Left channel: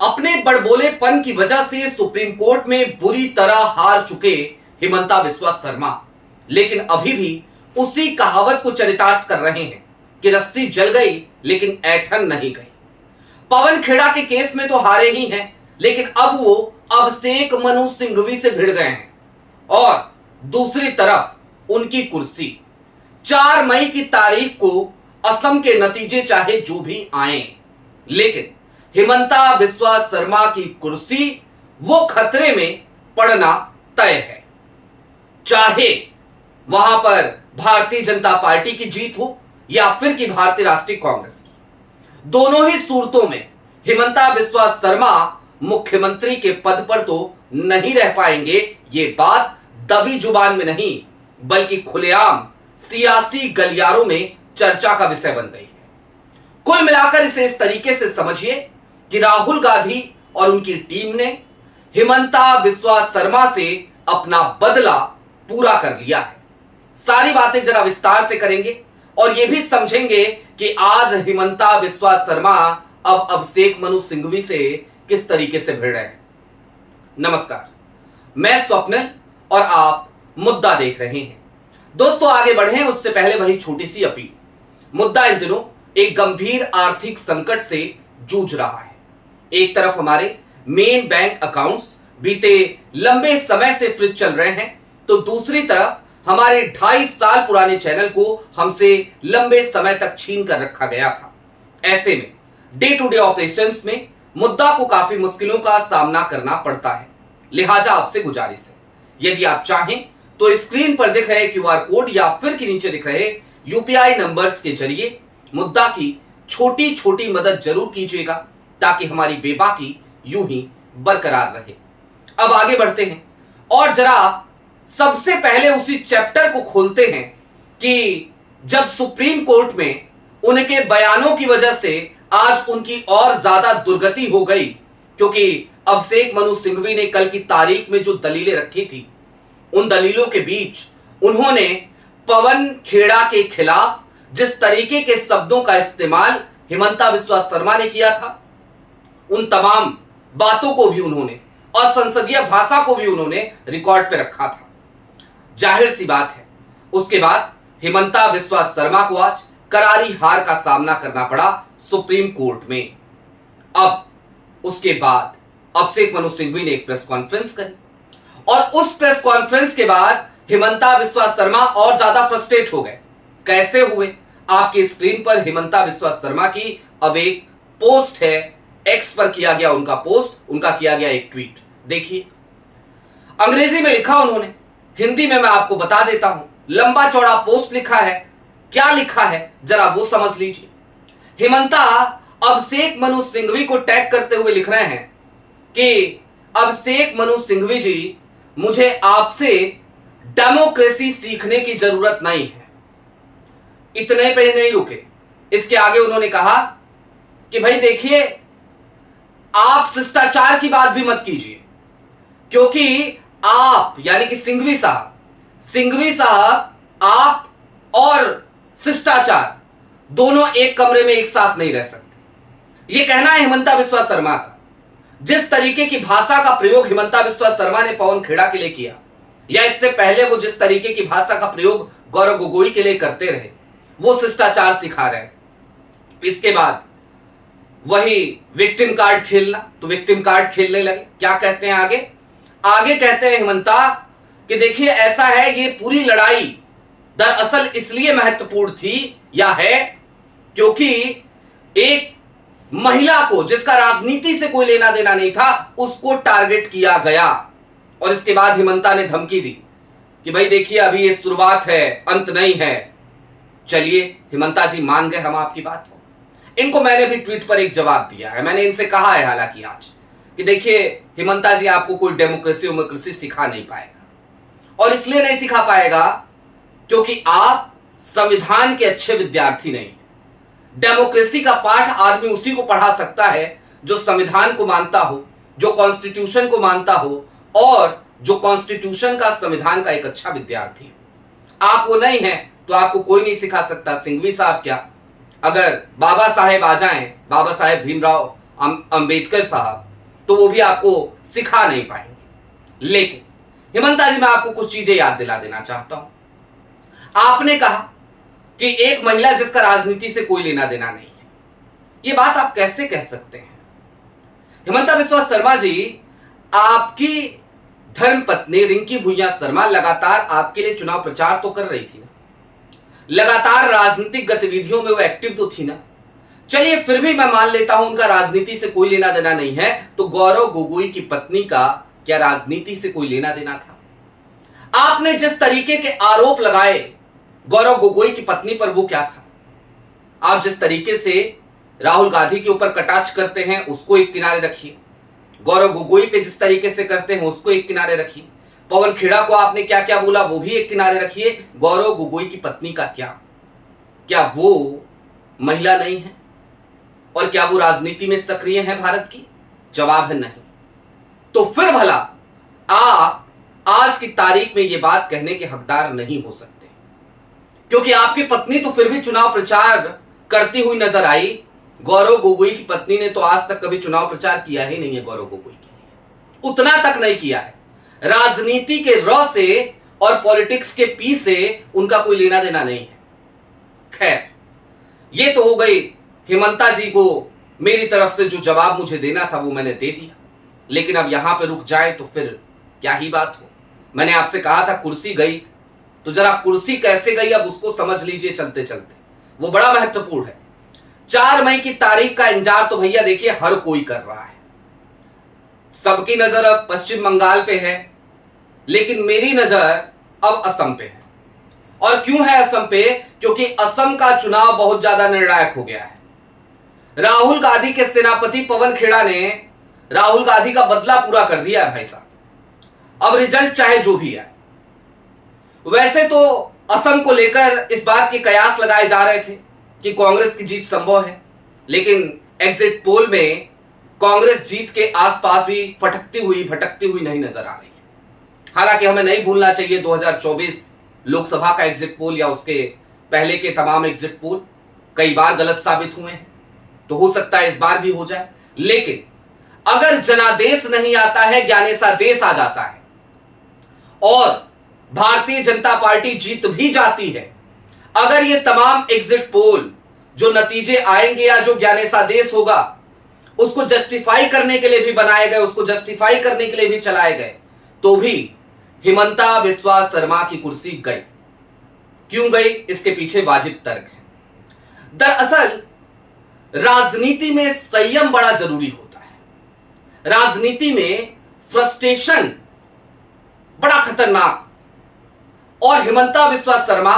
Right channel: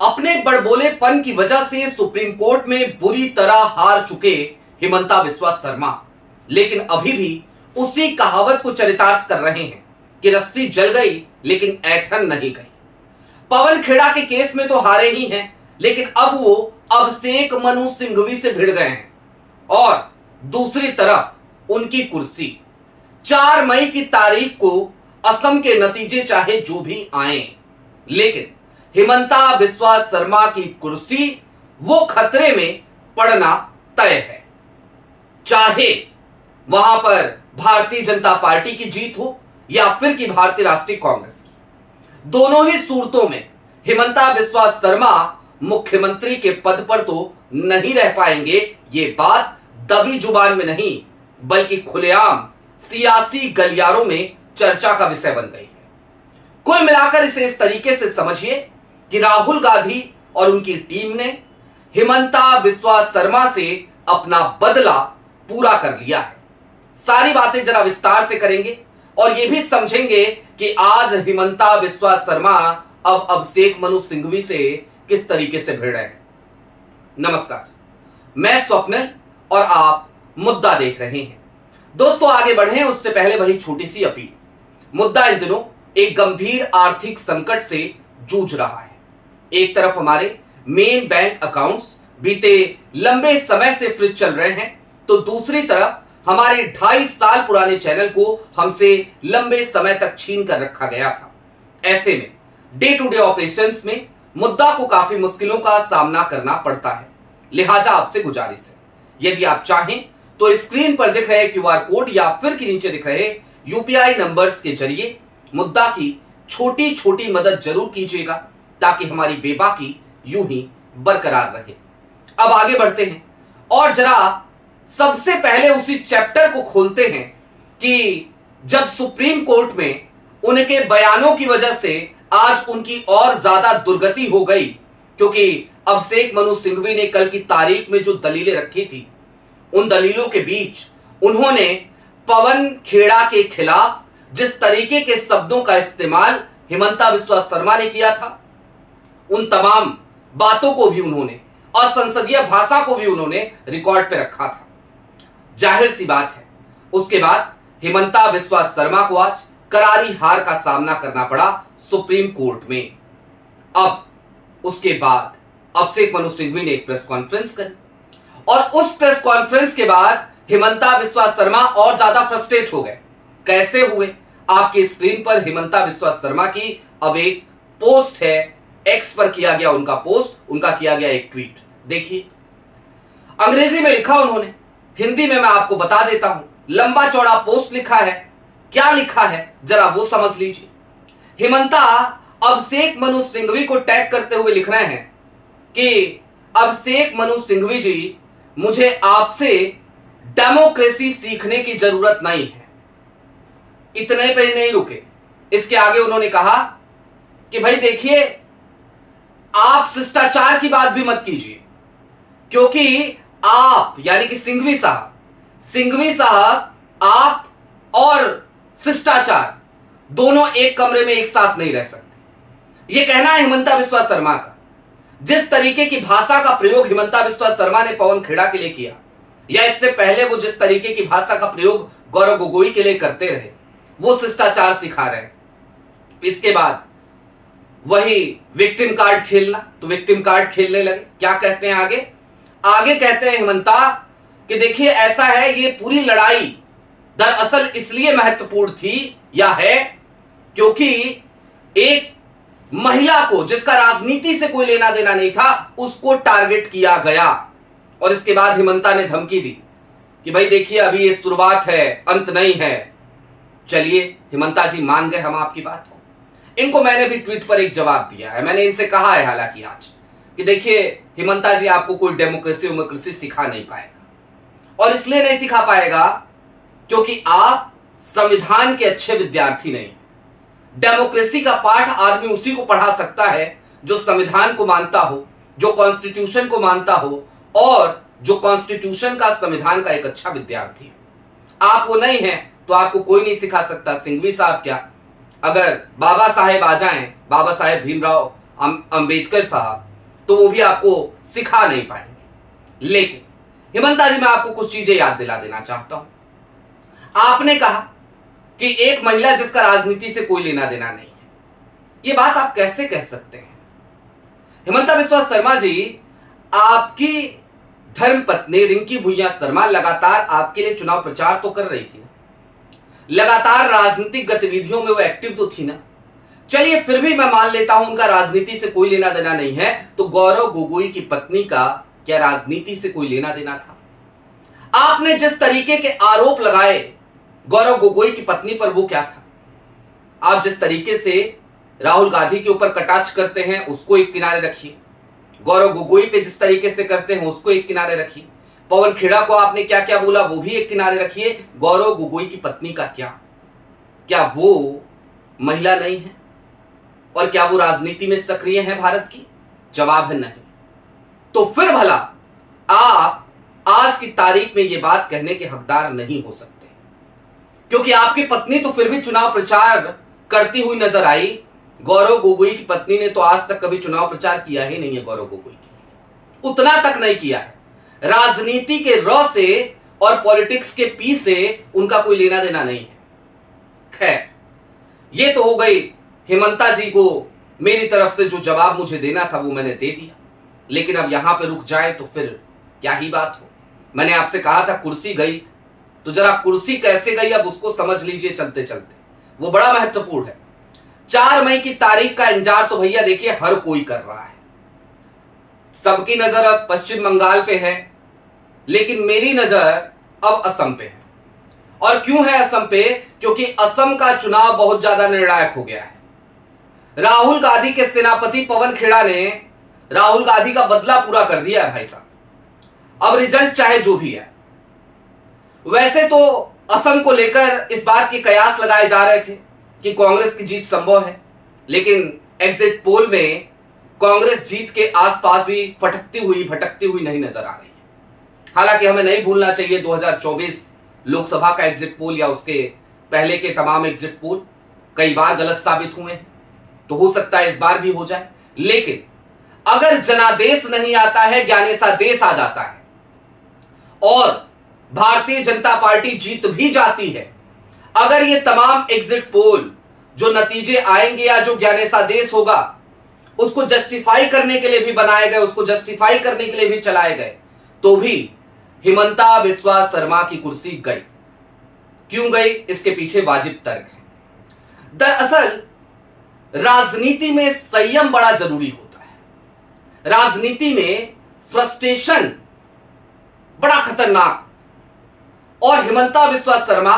अपने बड़बोलेपन की वजह से सुप्रीम कोर्ट में बुरी तरह हार चुके हिमंता बिस्वा शर्मा लेकिन अभी भी उसी कहावत को चरितार्थ कर रहे हैं कि रस्सी जल गई लेकिन ऐठन नहीं गई। पवन खेड़ा के केस में तो हारे ही हैं, लेकिन अब वो अभिषेक मनु सिंघवी से भिड़ गए हैं और दूसरी तरफ उनकी कुर्सी 4 मई की तारीख को असम के नतीजे चाहे जो भी आए, लेकिन हिमंता बिस्वा शर्मा की कुर्सी वो खतरे में पड़ना तय है। चाहे वहां पर भारतीय जनता पार्टी की जीत हो या फिर कि भारतीय राष्ट्रीय कांग्रेस की, दोनों ही सूरतों में हिमंता बिस्वा शर्मा मुख्यमंत्री के पद पर तो नहीं रह पाएंगे। ये बात दबी जुबान में नहीं बल्कि खुलेआम सियासी गलियारों में चर्चा का विषय बन गई है। कुल मिलाकर इसे इस तरीके से समझिए कि राहुल गांधी और उनकी टीम ने हिमंता बिस्वा शर्मा से अपना बदला पूरा कर लिया है। सारी बातें जरा विस्तार से करेंगे और यह भी समझेंगे कि आज हिमंता बिस्वा शर्मा अब अभिषेक मनु सिंघवी से किस तरीके से भिड़ रहे हैं। नमस्कार, मैं स्वप्निल और आप मुद्दा देख रहे हैं। दोस्तों, आगे बढ़ें उससे पहले वही छोटी सी अपील। मुद्दा इन दिनों एक गंभीर आर्थिक संकट से जूझ रहा है। एक तरफ हमारे मेन बैंक अकाउंट्स बीते लंबे समय से फ्रीज चल रहे हैं, तो दूसरी तरफ हमारे 2.5 साल पुराने चैनल को हमसे लंबे समय तक छीन कर रखा गया था। ऐसे में डे टू डे ऑपरेशंस में मुद्दा को काफी मुश्किलों का सामना करना पड़ता है। लिहाजा आपसे गुजारिश है, यदि आप चाहें तो स्क्रीन पर दिख रहे क्यूआर कोड या फिर के नीचे दिख रहे यूपीआई नंबर्स के जरिए मुद्दा की छोटी छोटी मदद जरूर कीजिएगा, ताकि हमारी बेबाकी यूं ही बरकरार रहे। अब आगे बढ़ते हैं और जरा सबसे पहले उसी चैप्टर को खोलते हैं कि जब सुप्रीम कोर्ट में उनके बयानों की वजह से आज उनकी और ज्यादा दुर्गति हो गई, क्योंकि अभिषेक मनु सिंघवी ने कल की तारीख में जो दलीलें रखी थी, उन दलीलों के बीच उन्होंने पवन खेड़ा के खिलाफ जिस तरीके के शब्दों का इस्तेमाल हिमंता बिस्वा शर्मा ने किया था, उन तमाम बातों को भी उन्होंने और संसदीय भाषा को भी उन्होंने रिकॉर्ड पे रखा था। जाहिर सी बात है, उसके बाद हिमंता बिस्वा शर्मा को आज करारी हार का सामना करना पड़ा सुप्रीम कोर्ट में। अब उसके बाद अभिषेक मनु सिंघवी ने एक प्रेस कॉन्फ्रेंस करी और उस प्रेस कॉन्फ्रेंस के बाद हिमंता बिस्वा शर्मा और ज्यादा फ्रस्ट्रेट हो गए। कैसे हुए? आपकी स्क्रीन पर हिमंता बिस्वा शर्मा की अब एक पोस्ट है, एक्स पर किया गया उनका पोस्ट, उनका किया गया एक ट्वीट देखिए। अंग्रेजी में लिखा उन्होंने, हिंदी में मैं आपको बता देता हूं। लंबा चौड़ा पोस्ट लिखा है, क्या लिखा है जरा वो समझ लीजिए। हिमंता अभिषेक मनु सिंघवी को टैग करते हुए लिख रहे हैं कि अभिषेक मनु सिंघवी जी, मुझे आपसे डेमोक्रेसी सीखने की जरूरत नहीं है। इतने पे ही नहीं रुके, इसके आगे उन्होंने कहा कि भाई देखिए, आप शिष्टाचार की बात भी मत कीजिए, क्योंकि आप यानी कि सिंघवी साहब आप और शिष्टाचार दोनों एक कमरे में एक साथ नहीं रह सकते। यह कहना है हिमंता बिस्वा शर्मा का। जिस तरीके की भाषा का प्रयोग हिमंता बिस्वा शर्मा ने पवन खेड़ा के लिए किया, या इससे पहले वो जिस तरीके की भाषा का प्रयोग गौरव गोगोई के लिए करते रहे, वो शिष्टाचार सिखा रहे हैं। इसके बाद वही विक्टिम कार्ड खेलना, तो विक्टिम कार्ड खेलने लगे। क्या कहते हैं आगे? आगे कहते हैं हिमंता कि देखिए ऐसा है, ये पूरी लड़ाई दरअसल इसलिए महत्वपूर्ण थी या है क्योंकि एक महिला को, जिसका राजनीति से कोई लेना देना नहीं था, उसको टारगेट किया गया। और इसके बाद हिमंता ने धमकी दी कि भाई देखिए अभी ये शुरुआत है, अंत नहीं है। चलिए हिमंता जी, मान गए हम आपकी बात को। इनको मैंने भी ट्वीट पर एक जवाब दिया है। मैंने इनसे कहा है हालांकि आज कि देखिए हिमंता जी, आपको कोई डेमोक्रेसी सिखा नहीं पाएगा, और इसलिए नहीं सिखा पाएगा क्योंकि आप संविधान के अच्छे विद्यार्थी नहीं। डेमोक्रेसी का पाठ आदमी उसी को पढ़ा सकता है जो संविधान को मानता हो, जो कॉन्स्टिट्यूशन को मानता हो, और जो कॉन्स्टिट्यूशन का, संविधान का एक अच्छा विद्यार्थी हो। आप वो नहीं हैं तो आपको कोई नहीं सिखा सकता। सिंघवी साहब क्या, अगर बाबा साहेब आ जाएं, बाबा साहेब भीमराव अंबेडकर साहब, तो वो भी आपको सिखा नहीं पाएंगे। लेकिन हिमंता जी, मैं आपको कुछ चीजें याद दिला देना चाहता हूं। आपने कहा कि एक महिला जिसका राजनीति से कोई लेना देना नहीं है, ये बात आप कैसे कह सकते हैं? हिमंता बिस्वा शर्मा जी, आपकी धर्मपत्नी रिंकी भुइयां शर्मा लगातार आपके लिए चुनाव प्रचार तो कर रही थी ना, लगातार राजनीतिक गतिविधियों में वो एक्टिव तो थी ना। चलिए फिर भी मैं मान लेता हूं उनका राजनीति से कोई लेना देना नहीं है, तो गौरव गोगोई की पत्नी का क्या राजनीति से कोई लेना देना था? आपने जिस तरीके के आरोप लगाए गौरव गोगोई की पत्नी पर, वो क्या था? आप जिस तरीके से राहुल गांधी के ऊपर कटाक्ष करते हैं उसको एक किनारे रखिए, गौरव गोगोई पे जिस तरीके से करते हैं उसको एक किनारे रखिए, पवन खेड़ा को आपने क्या क्या बोला वो भी एक किनारे रखिए। गौरव गोगोई की पत्नी का क्या वो महिला नहीं है? और क्या वो राजनीति में सक्रिय है भारत की? जवाब है नहीं। तो फिर भला आप आज की तारीख में ये बात कहने के हकदार नहीं हो सकते, क्योंकि आपकी पत्नी तो फिर भी चुनाव प्रचार करती हुई नजर आई। गौरव गोगोई की पत्नी ने तो आज तक कभी चुनाव प्रचार किया ही नहीं है गौरव गोगोई के लिए, उतना तक नहीं किया है। राजनीति के र से और पॉलिटिक्स के पी से उनका कोई लेना देना नहीं है। खैर, ये तो हो गई हिमंता जी को मेरी तरफ से जो जवाब मुझे देना था वो मैंने दे दिया, लेकिन अब यहां पे रुक जाए तो फिर क्या ही बात हो। मैंने आपसे कहा था कुर्सी गई, तो जरा कुर्सी कैसे गई अब उसको समझ लीजिए चलते चलते, वो बड़ा महत्वपूर्ण है। 4 मई की तारीख का इंतजार तो भैया देखिए हर कोई कर रहा है। सबकी नजर अब पश्चिम बंगाल पे है, लेकिन मेरी नजर अब असम पे है। और क्यों है असम पे? क्योंकि असम का चुनाव बहुत ज्यादा निर्णायक हो गया है। राहुल गांधी के सेनापति पवन खेड़ा ने राहुल गांधी का बदला पूरा कर दिया है भाई साहब। अब रिजल्ट चाहे जो भी है, वैसे तो असम को लेकर इस बात के कयास लगाए जा रहे थे कि कांग्रेस की जीत संभव है, लेकिन एग्जिट पोल में कांग्रेस जीत के आसपास भी भटकती हुई नहीं नजर आ रही है। हालांकि हमें नहीं भूलना चाहिए 2024 लोकसभा का एग्जिट पोल या उसके पहले के तमाम एग्जिट पोल कई बार गलत साबित हुए हैं, तो हो सकता है इस बार भी हो जाए। लेकिन अगर जनादेश नहीं आता है, ज्ञानेशादेश आ जाता है और भारतीय जनता पार्टी जीत भी जाती है, अगर ये तमाम एग्जिट पोल जो नतीजे आएंगे या जो ज्ञानेशादेश होगा उसको जस्टिफाई करने के लिए भी बनाए गए, उसको जस्टिफाई करने के लिए भी चलाए गए, तो भी हिमंता बिस्वा शर्मा की कुर्सी गई। क्यों गई? इसके पीछे वाजिब तर्क है। दरअसल राजनीति में संयम बड़ा जरूरी होता है। राजनीति में फ्रस्ट्रेशन बड़ा खतरनाक। और हिमंता बिस्वा शर्मा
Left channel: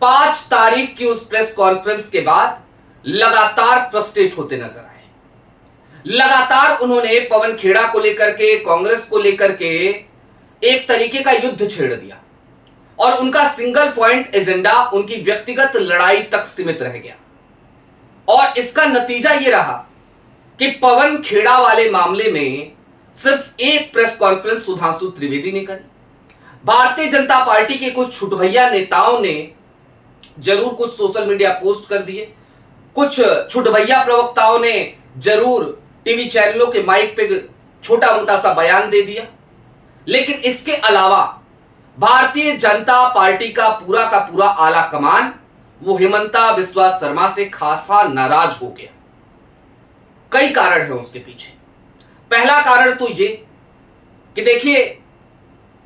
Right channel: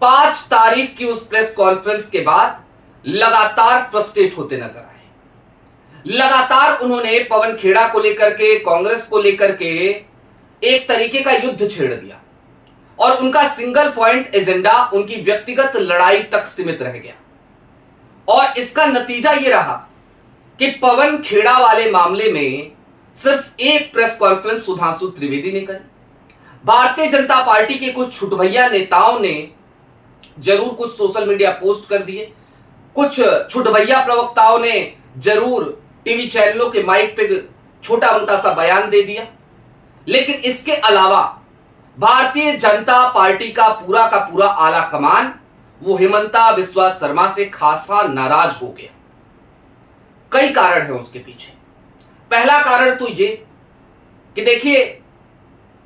5 तारीख की उस प्रेस कॉन्फ्रेंस के बाद लगातार फ्रस्ट्रेट होते नजर आए। लगातार उन्होंने पवन खेड़ा को लेकर के, कांग्रेस को लेकर के एक तरीके का युद्ध छेड़ दिया और उनका सिंगल पॉइंट एजेंडा उनकी व्यक्तिगत लड़ाई तक सीमित रह गया। और इसका नतीजा यह रहा कि पवन खेड़ा वाले मामले में सिर्फ एक प्रेस कॉन्फ्रेंस सुधांशु त्रिवेदी ने करी। भारतीय जनता पार्टी के कुछ छुटभैया नेताओं ने जरूर कुछ सोशल मीडिया पोस्ट कर दिए, कुछ छुटभैया प्रवक्ताओं ने जरूर टीवी चैनलों के माइक पे छोटा मोटा सा बयान दे दिया, लेकिन इसके अलावा भारतीय जनता पार्टी का पूरा आला कमान वो हिमंता बिस्वा शर्मा से खासा नाराज हो गया। कई कारण है उसके पीछे। पहला कारण तो ये कि देखिए,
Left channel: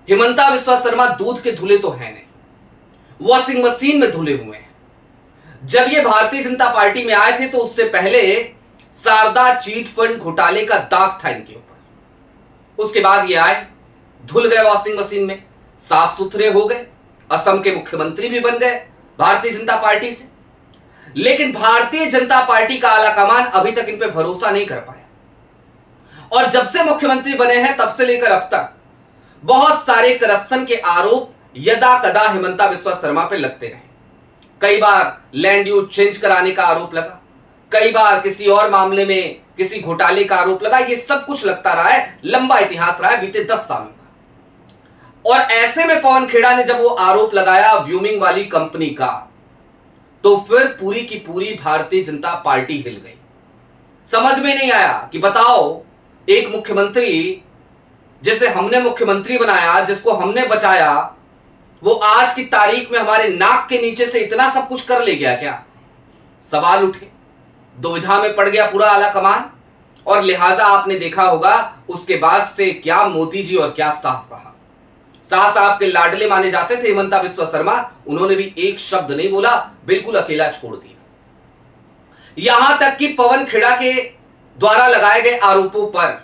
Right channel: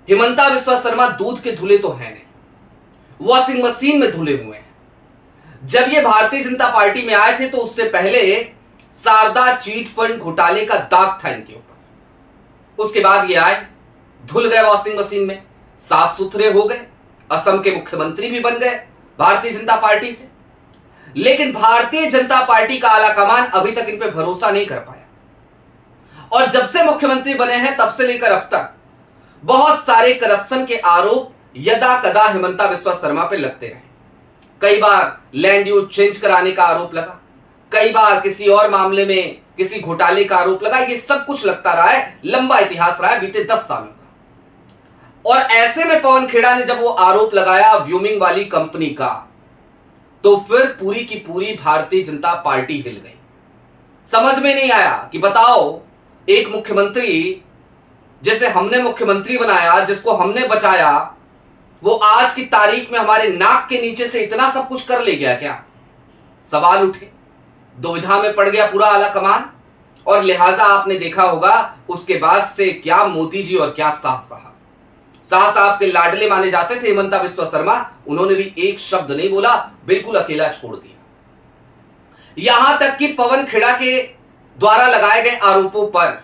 हिमंता बिस्वा शर्मा दूध के धुले तो हैं नहीं, वॉशिंग मशीन में धुले हुए हैं। जब ये भारतीय जनता पार्टी में आए थे तो उससे पहले शारदा चीट फंड घोटाले का दाग था इनके ऊपर। उसके बाद ये आए, धुल गए वॉशिंग मशीन में, साफ सुथरे हो गए, असम के मुख्यमंत्री भी बन गए भारतीय जनता पार्टी से। लेकिन भारतीय जनता पार्टी का आलाकमान अभी तक इन पे भरोसा नहीं कर पाया। और जब से मुख्यमंत्री बने हैं तब से लेकर अब तक बहुत सारे करप्शन के आरोप यदा कदा हिमंता बिस्वा शर्मा पे लगते रहे। कई बार लैंड यूज चेंज कराने का आरोप लगा, कई बार किसी और मामले में किसी घोटाले का आरोप लगा। ये सब कुछ लगता रहा है, लंबा इतिहास रहा है बीते 10 सालों का। और ऐसे में पवन खेड़ा ने जब वो आरोप लगाया व्यूमिंग वाली कंपनी का, तो फिर पूरी की पूरी भारतीय जनता पार्टी हिल गई। समझ में नहीं आया कि बताओ एक मुख्यमंत्री जिसे हमने मुख्यमंत्री बनाया, जिसको हमने बचाया, वो आज की तारीख में हमारे नाक के नीचे से इतना सब कुछ कर ले गया क्या? सवाल उठे, दुविधा में पड़ गया पूरा आला कमान। और लिहाजा आपने देखा होगा उसके बाद से क्या मोदी जी और क्या शाह साहब के लाडले माने जाते थे हिमंता बिस्वा शर्मा, उन्होंने भी एक शब्द नहीं बोला, बिल्कुल अकेला छोड़ दिया। यहां तक कि पवन खेड़ा के द्वारा लगाए गए आरोपों पर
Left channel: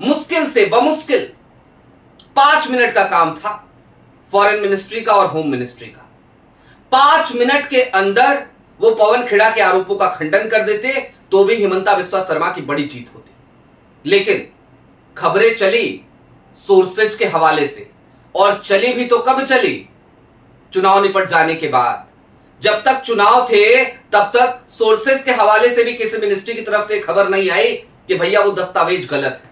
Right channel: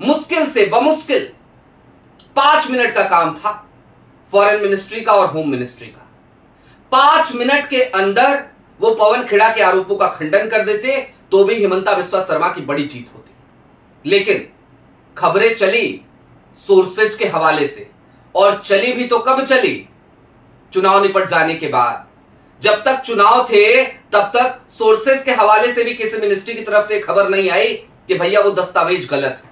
मुश्किल से बमुश्किल 5 मिनट का काम था फॉरेन मिनिस्ट्री का और होम मिनिस्ट्री का। 5 मिनट के अंदर वो पवन खेड़ा के आरोपों का खंडन कर देते तो भी हिमंता बिस्वा शर्मा की बड़ी जीत होती। लेकिन खबरें चली सोर्सेज के हवाले से, और चली भी तो कब चली? चुनाव निपट जाने के बाद। जब तक चुनाव थे तब तक सोर्सेज के हवाले से भी किसी मिनिस्ट्री की तरफ से खबर नहीं आई कि भैया वो दस्तावेज गलत है।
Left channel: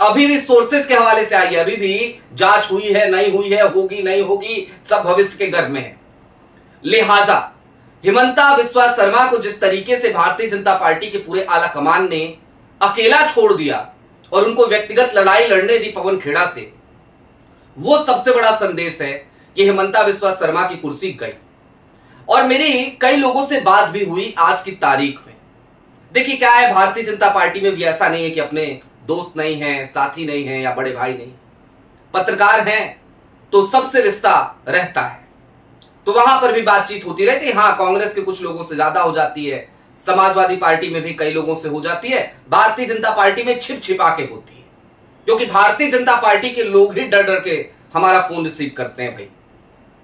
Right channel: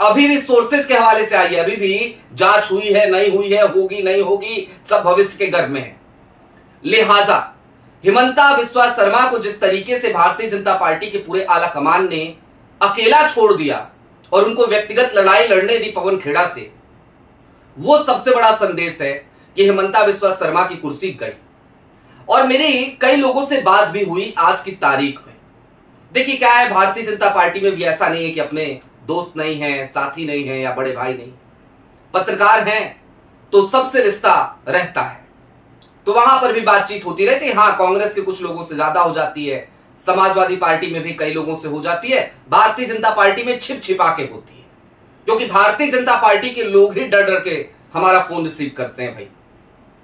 अभी भी सोर्सेज के हवाले से आई है, अभी भी जांच हुई है नहीं हुई है, होगी नहीं होगी, सब भविष्य के गर्भ में है। लिहाजा हिमंता बिस्वा शर्मा को जिस तरीके से भारतीय जनता पार्टी के पूरे आला कमान ने अकेला छोड़ दिया और उनको व्यक्तिगत लड़ाई लड़ने दी पवन खेड़ा से, वो सबसे बड़ा संदेश है कि हिमंता बिस्वा शर्मा की कुर्सी गई। और मेरी कई लोगों से बात भी हुई आज की तारीख में। देखिए क्या है, भारतीय जनता पार्टी में भी ऐसा नहीं है कि अपने दोस्त नहीं है, साथी नहीं है या बड़े भाई नहीं, पत्रकार हैं तो सबसे रिश्ता रहता है, तो वहां पर भी बातचीत होती रहती है। हाँ, कांग्रेस के कुछ लोगों से ज्यादा हो जाती है, समाजवादी पार्टी में भी कई लोगों से हो जाती है, भारतीय जनता पार्टी में छिप छिपा के होती है, क्योंकि भारतीय जनता पार्टी के लोग ही डर डर के हमारा फोन रिसीव करते हैं। भाई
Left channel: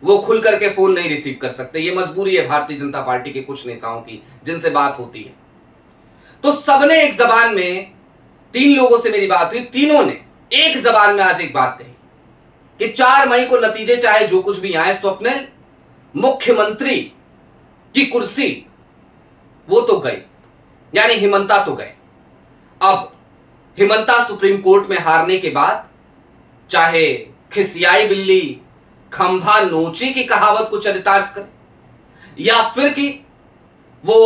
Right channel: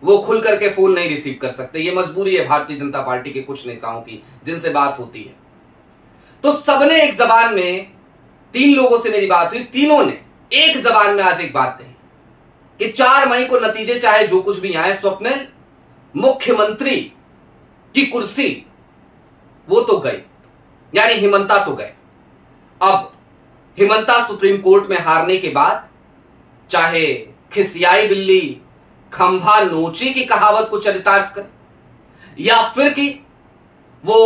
वो खुल करके फोन नहीं रिसीव कर सकते, ये मजबूरी है भारतीय जनता पार्टी के कुछ नेताओं की जिनसे बात होती है। तो सबने एक जबान में, 3 लोगों से मेरी बात हुई, तीनों ने एक जबान में आज एक बात कही कि 4 मई को नतीजे चाहे जो कुछ भी आए, स्वप्निल मुख्यमंत्री की कुर्सी वो तो गई, यानी हिमंता तो गए। अब हिमंता सुप्रीम कोर्ट में हारने के बाद चाहे खिसियाई बिल्ली खंभा नोची की कहावत को चरितार्थ करे, या फिर कि वो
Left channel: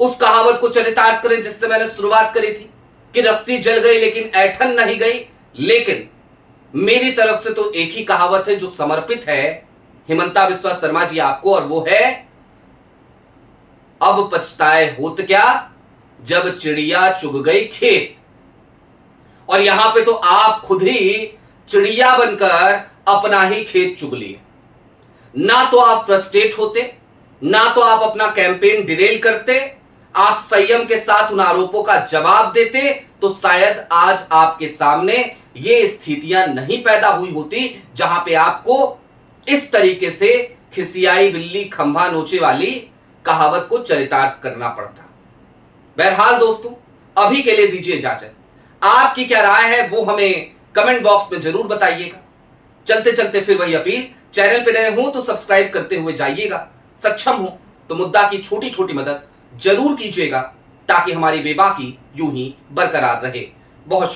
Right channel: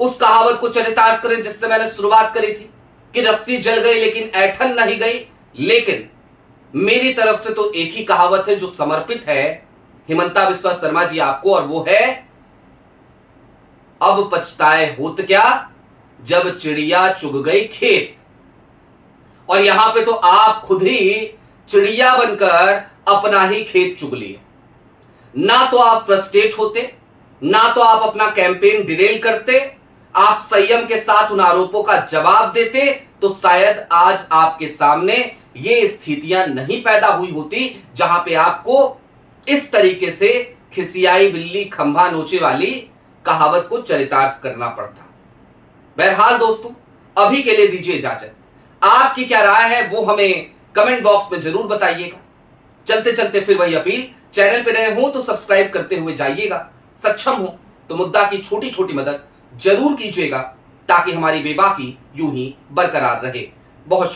उस कहावत को चरितार्थ करें जिससे मैंने शुरुआत करी थी कि रस्सी जल गई लेकिन ऐठन नहीं गई। लेकिन मेरी तरफ से तो एक ही कहावत है जो समर्पित है हिमंता बिस्वा शर्मा जी आपको, और वो है, अब पछताए होत क्या जब चिड़िया चुग गई खेत। और यहां पे तो आप खुद ही चिड़िया बनकर अपना ही खेत चुग लिए। ना तो आप फ्रस्ट्रेट होते, ना तो आप अपना कैंपेन डिरेल करते, आप संयम के साथ उन आरोपों का जवाब देते, तो शायद आज आपके सामने ये स्थितियां नहीं पैदा हुई होती जहां पे आपको इस तरीके से खिसियाई बिल्ली खंभा नोचे वाली कहावत को चरितार्थ करना पड़ता। बहरहाल दोस्तों, अभी के लिए दीजिए इजाजत। आपकी क्या राय है वो हमें कमेंट बॉक्स में जरूर बताइएगा। चलते चलते फिर वही अपील, चैनल पे नए हो तो सब्सक्राइब करते हुए जाइएगा, सक्षम हो तो मुद्दा की छोटी छोटी मदद जरूर कीजिएगा ताकि हमारी बेबाकी यूं ही बरकरार रहे। बहुत